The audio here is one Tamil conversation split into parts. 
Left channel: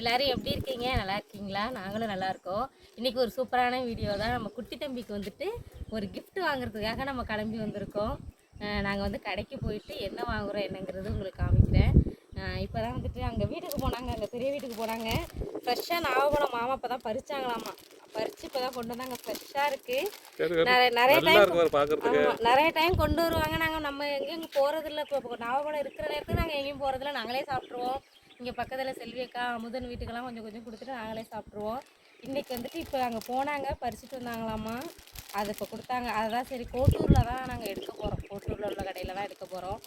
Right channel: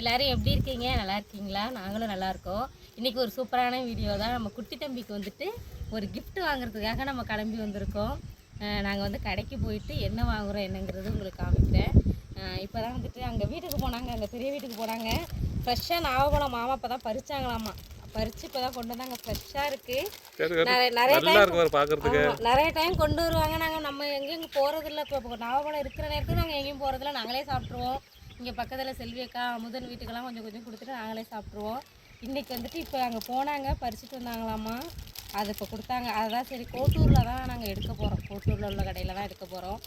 எல்லாரும் எப்படி இருக்கீங்க? நல்லா இருக்கீங்களா? நாங்களும் நல்லா இருக்கோம். இன்னைக்கு ஒரு சூப்பரான வீடியோ தான். நம்ம குட்டி தம்பிக்கு வந்துட்டு ஒரு gift வாங்குறதுக்காக நம்ம கிளம்பி வந்திருக்கோம். நாங்கள் வந்து கடைக்கு போயிட்டு என்ன வாங்குறோம் என்னங்கிறது உங்களுக்கு காமிக்கிறேன். இப்போ தான் வந்துட்டு அங்கே வீட்டுக்கு போனாங்க. அங்கே பெரிய வீட்டுக்கு போனாங்க. ஃப்ரெஷ்ஷாக நாகப்பழம் மாமா இப்போ தான் பறிச்சாங்களாமா. பறித்து இப்போ தான் கொண்டு வந்தாங்க. ஃப்ரெஷ்ஷாக இருக்குது நிறைய ஆமா, நிறைய டைம் கொண்டு வருவாங்க. நாங்கள் நம்ம எங்கேயும் போகிறதில்ல இப்போ இப்போ நாகப்பழம் இருக்கிற நேரத்துக்கு நாங்கள் எங்கேயும் போகிறதில்ல நாங்களே சாப்பிட்ருவோம் இங்கே பக்கத்தில் செல்வியக்கா அமுதன் வீட்டுக்கெல்லாம் கொஞ்சம் கொஞ்சம் கொடுத்துட்டு நாங்களே சாப்பிட்ருவோம் இன்றைக்கி வந்துட்டு இப்போ அங்கே போனாங்க பறிச்சுட்டு வந்தாங்களாம்மா அது இப்போ கொடுத்தாங்க. அதுதான் சரி கோட்டூரில் தான் நாங்கள் எடுக்க போகிறோம் கோட்டூரில் உள்ள கடையில் தான் எடுக்க போகிறோம்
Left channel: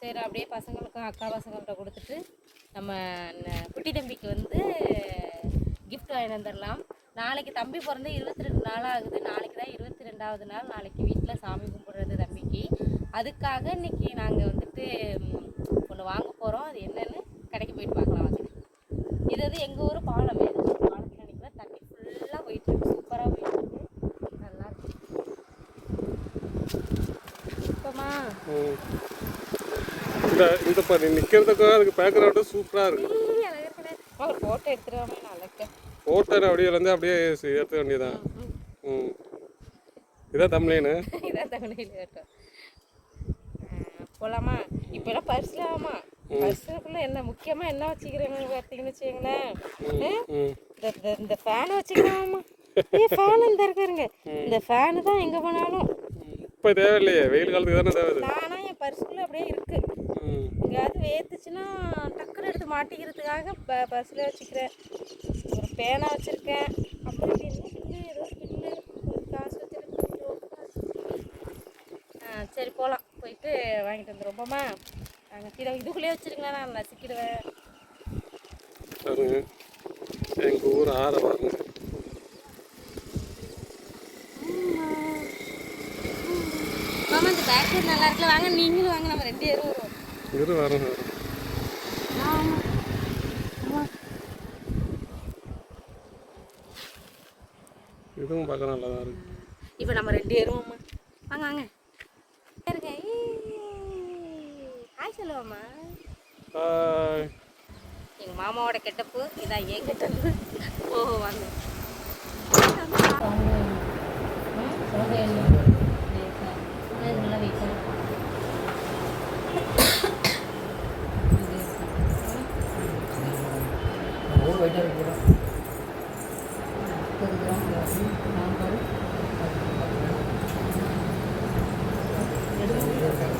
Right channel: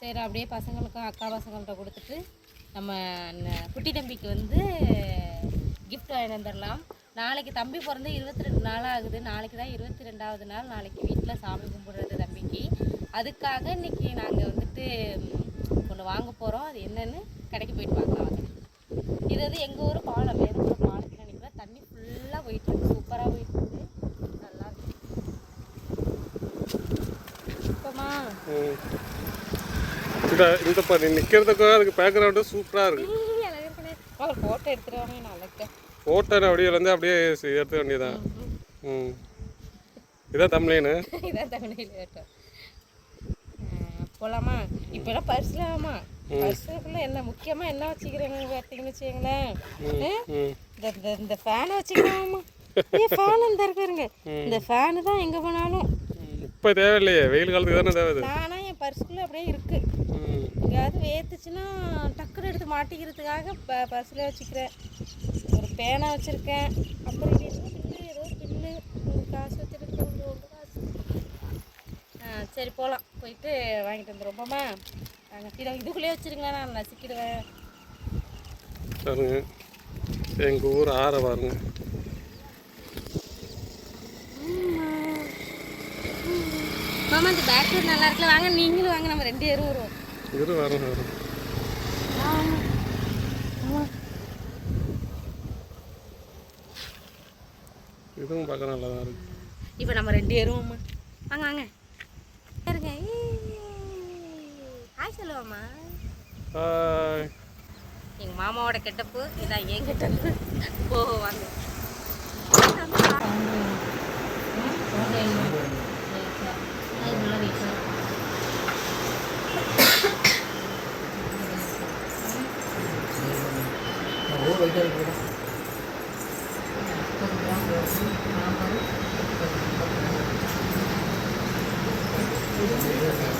சரி அப்படியே பசங்களுக்கும் அக்கா பசங்கள்கிட்ட கொடுத்துட்டு நம்ம குட்டி தம்பிக்கு வந்து கிஃப்ட் வாங்கி வந்துடலாம். நாளைக்கு தம்பி பிறந்து இருபத்தி ரெண்டு நாள் ஆகுது. நாளைக்கு தான் இருபத்தி ரெண்டாவது நாள். நாளைக்கு வீட்டில் சாமி கும்பிடுறது தம்பிக்கு. அதுக்காக இன்னைக்கு நாங்கள் வந்துட்டு ஒன்று வாங்க போகிறோம் அது என்னென்னு கடைக்கு போயிட்டு பார்க்கலாம் வாங்க. இது வந்து எங்கள் ஊர் பாலம். வேணும் ஒரு பாலத்தில் நிற்கிறோம் தண்ணி ஃபுல்லாக போயிட்டு இருக்கு. சூப்பராக போயிட்டு இருக்கு. நல்லா இருக்கு. இப்போமா. இந்த இந்த பாரு நிற்கிறதுக்கும் அதுக்கு பேக்ரவுண்டு சூப்பராக இருக்கு. அழகாக ஒரு ஃபோட்டோ எடுத்துருவாங்க நான் அழகா ஃபோட்டோ அப்படியே வந்து அப்படியே ஏற்ற வேண்டியதான் ம் இதான் தமிழேனு இதான் கேட்டோம் போகலாமா இப்போலாம் பர்ஸ்லாமா பர்ஸுக்குள்ளே என்ன முக்கியமாக என்ன வச்சுக்கிறேன்னு பார்த்தீங்கன்னு வச்சுக்கங்களேன்? இந்த இந்த ஃபேனை வச்சுக்கலாமா? ஏ ஃபேன் இந்த இருக்காருங்க? இந்த ஃபேனு தான் எங்கே போனாலும். இப்போ தேவையில்லையே வெயில் காலத்துக்கு தானே தேவை. நானா என் பர்ஸுக்குள்ளே அப்படியே இருக்கு. எங்கேயாவது வேத்துச்சுன்னா டக்குன்னு எடுத்து மாட்டிக்கிறதுக்காக ப பர்ஸில் வச்சுக்கிறேன். ஒரு பேனா வச்சுருக்கேன். அப்புறம் பில்லு ஏதோ பில்லு ஒரு காசு வச்சுருக்கு கொஞ்சம் காசு. ஆ சரி போகலாம் போயிட்டு வாங்கிட்டு வந்துருவோமா. நாங்கள் கீழே இதுக்குள்ளேயே வச்சுருங்களேன் நான் நசுக்கிடுவேன். பாருங்க எங்கள் ஊர் ஆற பாருங்க. மாமா இந்த பேட்டரி நல்லா இருக்குல்ல வாங்க நீங்களும் வாங்க நம்ம ரெண்டு பேரும் வருவோம். இரு வரும் வரும். இதுவும் பார்க்க நல்லா தான் இருக்கு. இப்போ நம்ம ரெண்டு பேரும் வாங்க வாங்க. இருங்க ஹாய் சொல்லுவாம்மா ஹாய் எங்கள் மாமாவோட கெட்டப்பு இதான் என் கெட்டப்பு. ஓ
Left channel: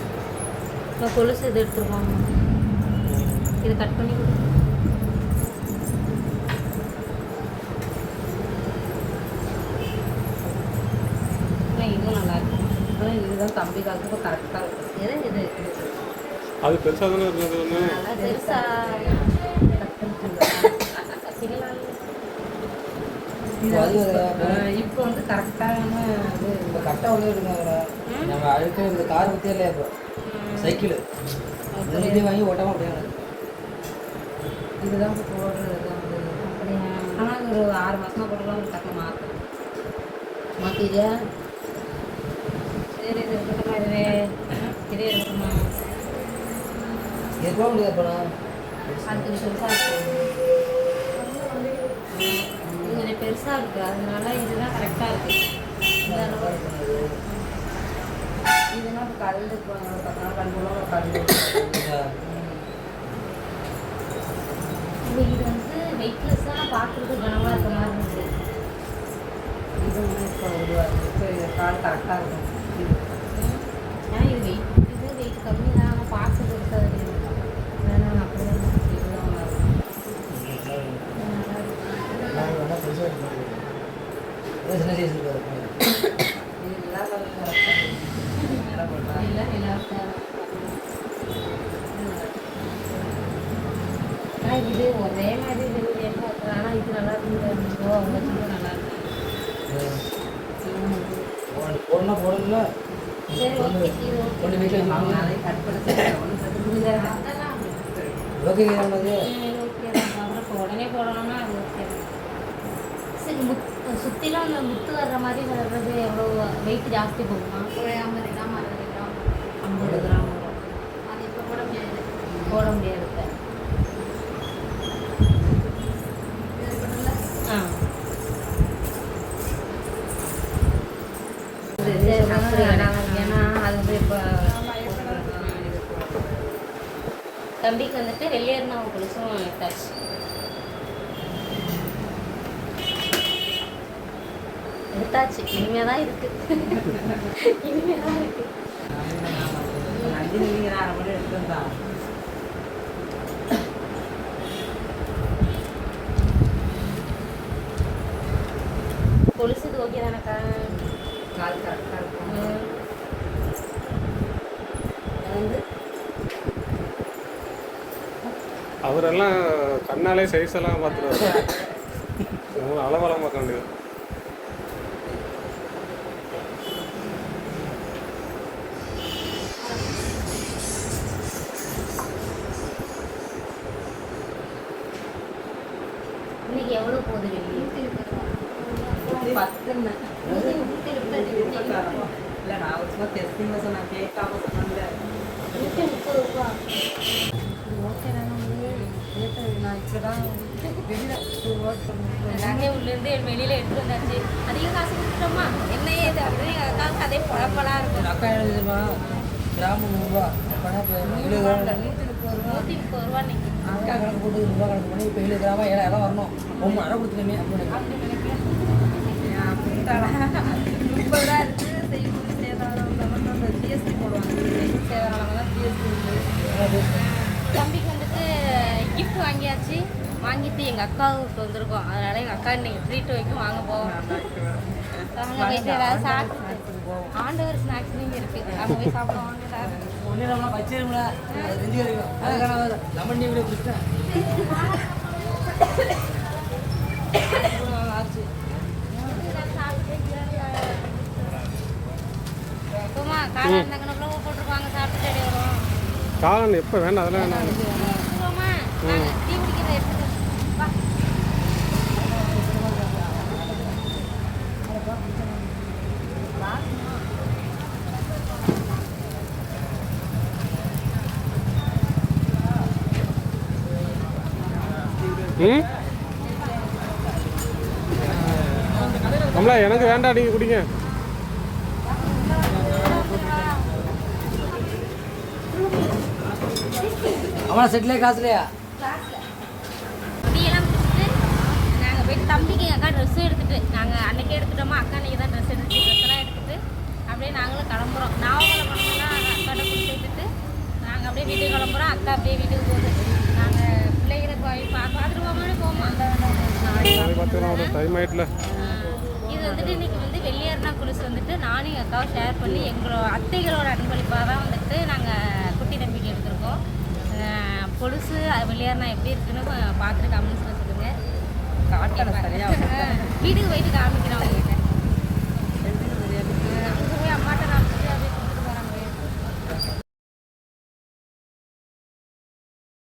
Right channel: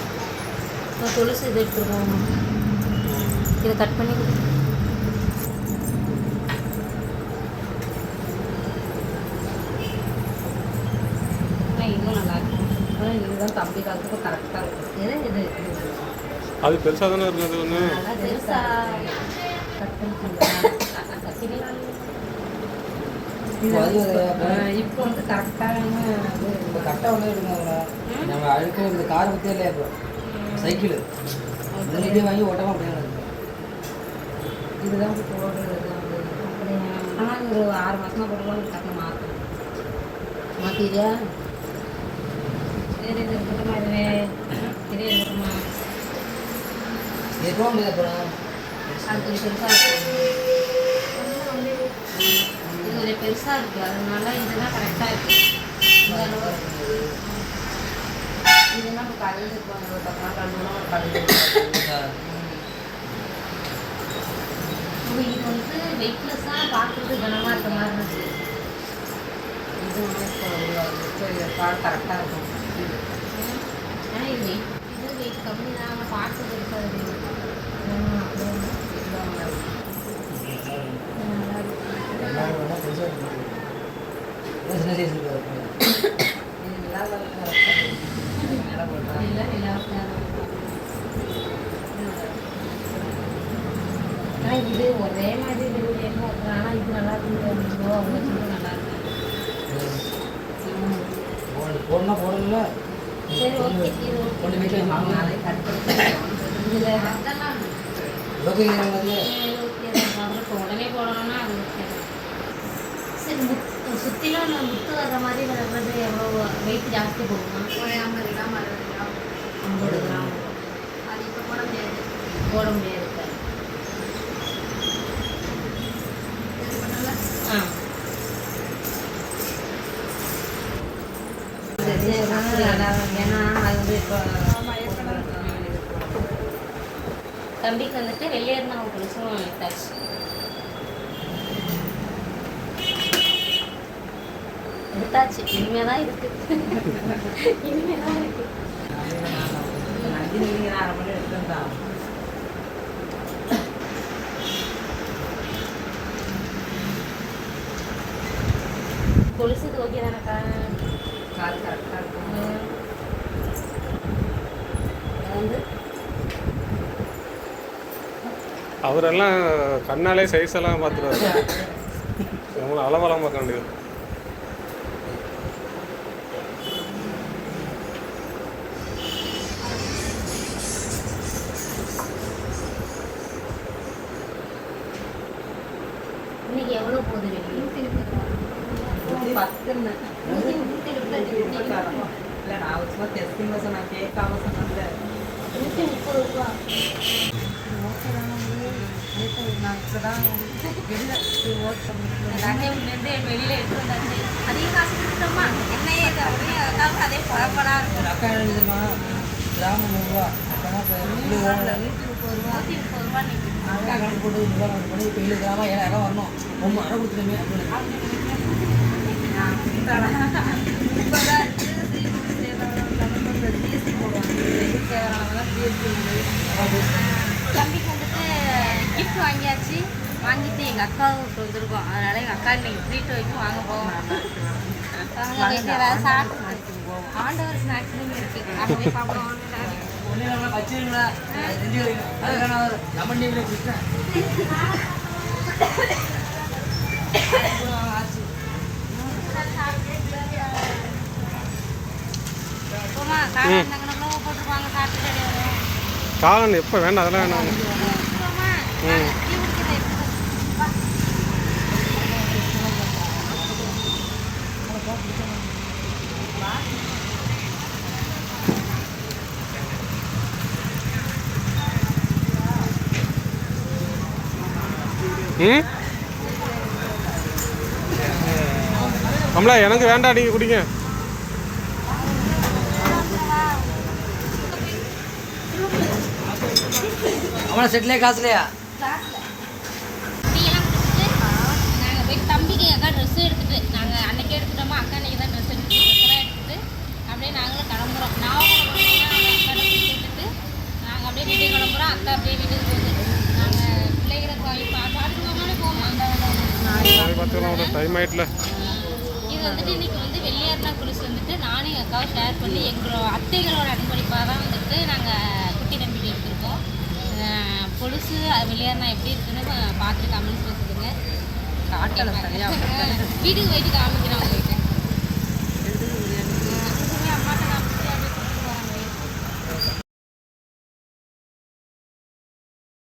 வாங்க கொலுசு இது எடுத்துருக்கோம் இதை கட். பண்ணி இதுவும் நல்லா இருக்கும் இதுதான் தம்பி காலத்துக்கு கரெக்டாக இருக்கும் இது இது? அது பெருசாக தானே இருக்குது அது ஒன்று இப்போ வந்து கரெக்டான இது கரெக்டாக உள்ள இருக்காங்க நம்ம அழுக்க இந்த கார் பற்றியே இல்லையா இப்போ? சைக்கிள். முன்னாடியே வாங்கி ஓட்டாமல் அப்படியே இதுதான் இப்போ ஆனால் ஒரு ஆறு மாசமா போட்டுக்கலாம் டக்குனு மாற்றணும் மாற்றிடியா சரி இது இருக்கட்டுமா இது இது இருக்கட்டுமா எதுவும் முடியாது போனால் அது பெருசாக இது ஒரு பெருசாக இருக்குது அதனால இதுதான் கரெக்டாக இருக்குது இதெல்லாம் இப்போ கலந்து இது வந்து வெயிட்லெஸ்ஸாக பார்க்குறது கனமாக இருக்க மாதிரி இருந்துச்சு இது வந்து இப்போ இந்த கால் கரெக்டாக இருக்கும். ஏன்னா இது வெயிட் இது வெயிட் கம்மி தான் ஆனால் பார்க்குறது இருக்காது அப்படியே நல்லா இருக்கு. ம், நல்லா இருக்கு. எல்லாரும் வேணால் பெருசாக இருக்கும் சின்ன சைஸ் இருக்காது இது எல்லா கலருக்கும் கரெக்டாக இருக்கு. எல்லாம் எல்லாருக்கும் ஆனால் இது ஒரே மாதிரி டெலிவரி என்ன ஆனால் இது நல்லா இருக்கு அஞ்சு ரூபா அவங்க நல்லா இருக்கு. ம். போடணும் போடணும்ல? சரி ஓகே இது வீட்டில் கட் உடனே போடணும்னா அது ஓகே. சரி முத் சுற்றிலாம் முத்து வர்ற மாதிரி வர்றது எவ்வளோ வெயிட் ஜாஸ்தி போகுமா? ஐம்பது கிராம். அது இப்போ போட முடியாது. போட முடியாது. ஏன்னா அது வந்து இப்போ தம்பிக்கு வந்துட்டு வெள்ளையர்னா கொலுசும் எடுத்தாச்சு எடுத்தாச்சு இனிமே தான் இருக்கு. இனிமே தான் இருக்கு. கொலுசுக்கு ஓகே தானேக்கா ம். அது வந்து அவரெல்லாம் கண்ணாலே சைஸ் எல்லாம் பார்த்துருவாரு நம்மள அளவெல்லாம் பார்க்க வேண்டியது இன்னைக்கு எவ்வளோ போகுது வெளியே பத்துன்னு நூற்றி முப்பது ரூபா ராஜேவுலேருந்து வெளியில் எடுத்து வந்தாச்சு அதிகம் காசு கொடுத்துட்டோமா என்ன அதே பழப்பெல்லாம் இருக்கும் அக்கா எழுதுமா கிராமம் நூறுரூவா அப்போனா இப்போ எழுபது கிராமில் நூற்றி முப்பது ரூபா நூற்றி முப்பது ரூபா நிற்குது அக்கா கணக்கு போட்டு ரூபா கணக்கு பண்ணி இப்போ எழுபது கிராமம் ஏழாயிரம் வரணும் ரொம்ப அரை கொடுத்துருமே அப்படின்னு தம்பிக்கு வந்துட்டு கிஃப்ட் வாங்கியாச்சு வாங்கிட்டு எங்கள் அக்காவுக்கு வந்திருக்கோம் அதனால எங்கள் அக்கா இன்னைக்கு ட்ரீட் வரைக்கும் வாங்க போவோம் வாங்க போயிட்டு ஏதாவது சாப்பிட்டு ஆண்டவர் ஸ்நாக்ஸ் நீங்கள் இருக்குது சாப்பிடுவோம் ஒன்றும் நம்ம வச்சிருந்தா அது செஞ்சு வைக்கணும் அதுக்கான ஒரு லெமன் டீ குடிச்சேன் போமா காலையில் இந்த கணக்கில் போட்டுருப்பாங்க சாப்பிட்டு சரி வரும் காளான் எப்போ வேண்டாம் அதெல்லாம் வேணாம் ம். ம். அம்லா எனக்கு வேண்டாம் நீங்கள் குடிங்க. அவனை செட்டிலே காசுலையா? நாங்கள் போயிட்டு தம்பிக்கு அக்கா ட்ரெஸ் எடுத்துட்டு நாங்கள் அன்னைக்கே எடுத்துட்டோமா அக்கா அன்னைக்கு தான் ட்ரெஸ் எடுத்து ட்ரெஸ்லாம் எடுத்துட்டு அப்படியே நாங்களும் கிளம்புறோம். பண்ணோம்னா நாங்கள் அக்காட்ட கொடுத்து விட்டுட்டு நாங்கள் அப்படியே வீட்டுக்கு கிளம்புறோம். அக்கா அப்படியே வீட்டுக்கு போகுது. நாங்கள் பிள்ளைகளை போய் பா பார்த்துட்டு போகமானே போமா பார்த்துக்கலாம் டைம் ஆயிட்டுல. இது வந்துட்டு இன்னைக்கு வந்து வெள்ளையார்னா கொலுசு வந்துட்டு நானும் எங்கள் அக்காவும் ஷேர் பண்ணி எங்களோட அத்தைகளோட அன்பளிப்பாக தான் வந்துட்டு நாங்கள் குட்டி தம்பிக்கு எடுத்திருக்கோம் அஹ் கொலுசு அது வெள்ளையார்னா எப்படி இருக்குன்னு பார்த்துட்டு கமெண்ட்ஸில் சொல்லுங்கள் வீட்டுக்கு போயிட்டு காமிக்கிறேன் உங்ககிட்ட.